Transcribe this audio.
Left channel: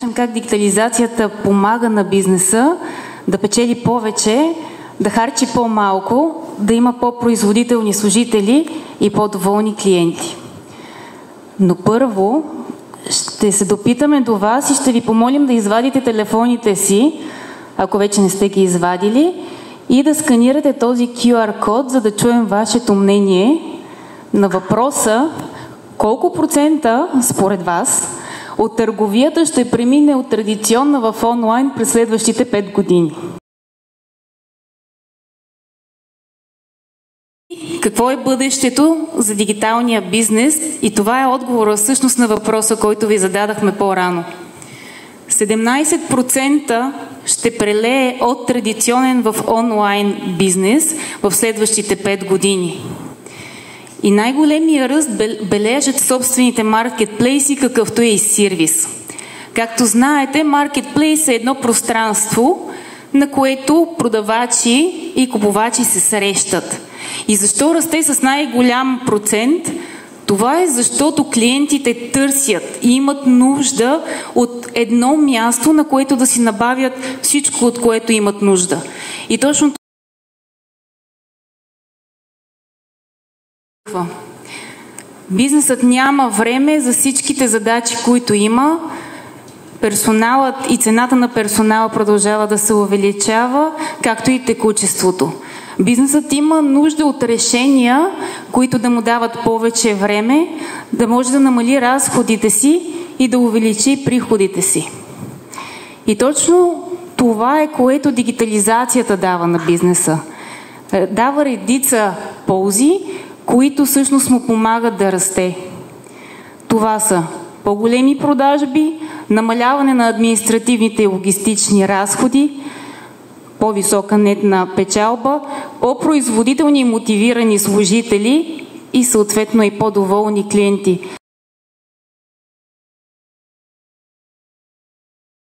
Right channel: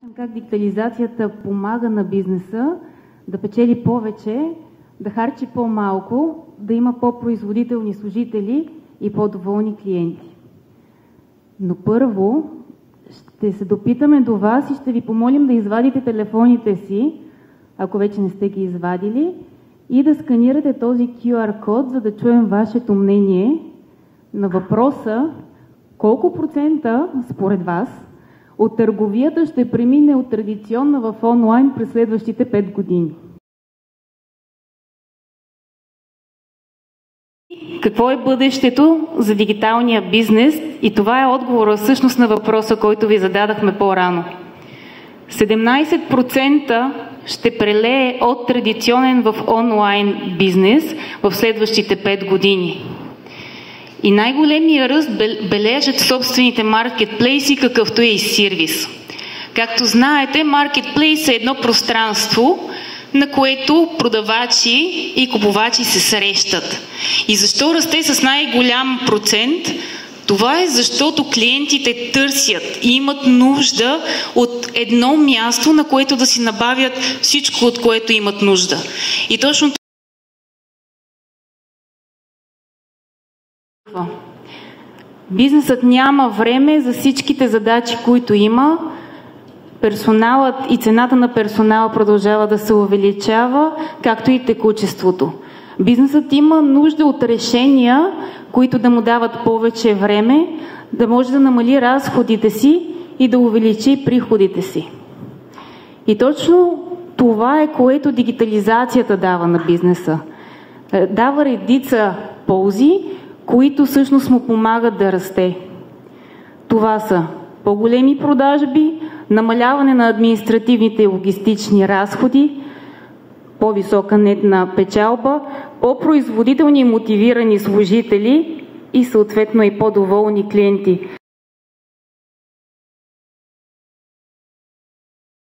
Как дигитализацията помага на бизнеса да печели повече, да харчи по-малко, да има по-производителни служители и по-доволни клиенти. Но първо ще се допитаме до вас и ще ви помолим да извадите телефоните си, ако вече не сте ги извадили, и да сканирате този QR код, за да чуем вашето мнение на въпроса колко процента според вас от търговията ще премине от традиционна в онлайн през следващите 5 години. Какво е бъдещето за дигиталния бизнес? И това е отговорът всъщност на въпроса, който ви зададахме по-рано. 17% ще прелее от традиционен в онлайн бизнес в следващите 5 години. И най-големия ръст бележат собствените маркетплейси, какъвто е и сервис. Както знаете, маркетплейс е едно пространство, на което продавачи и купувачи се срещат. И защо расте с най-голям процент? Това е защото клиентите търсят и имат нужда от едно място, на което да си набавят всичко, от което имат нужда. И точно бизнесът няма време за всичките задачи, които има. Персоналът и цената на персонала продължава да се увеличава, както и текучеството. Бизнесът има нужда от решения, които да му дават повече време, да може да намали разходите си и да увеличи приходите си. И точно това е, което дигитализацията дава на бизнеса. Дава редица ползи, които всъщност му помагат да расте. Това са по-големи продажби, намаляване на административните и логистични разходи, по-висока нетна печалба, по-производителни и мотивирани служители и съответно и по-доволни клиенти.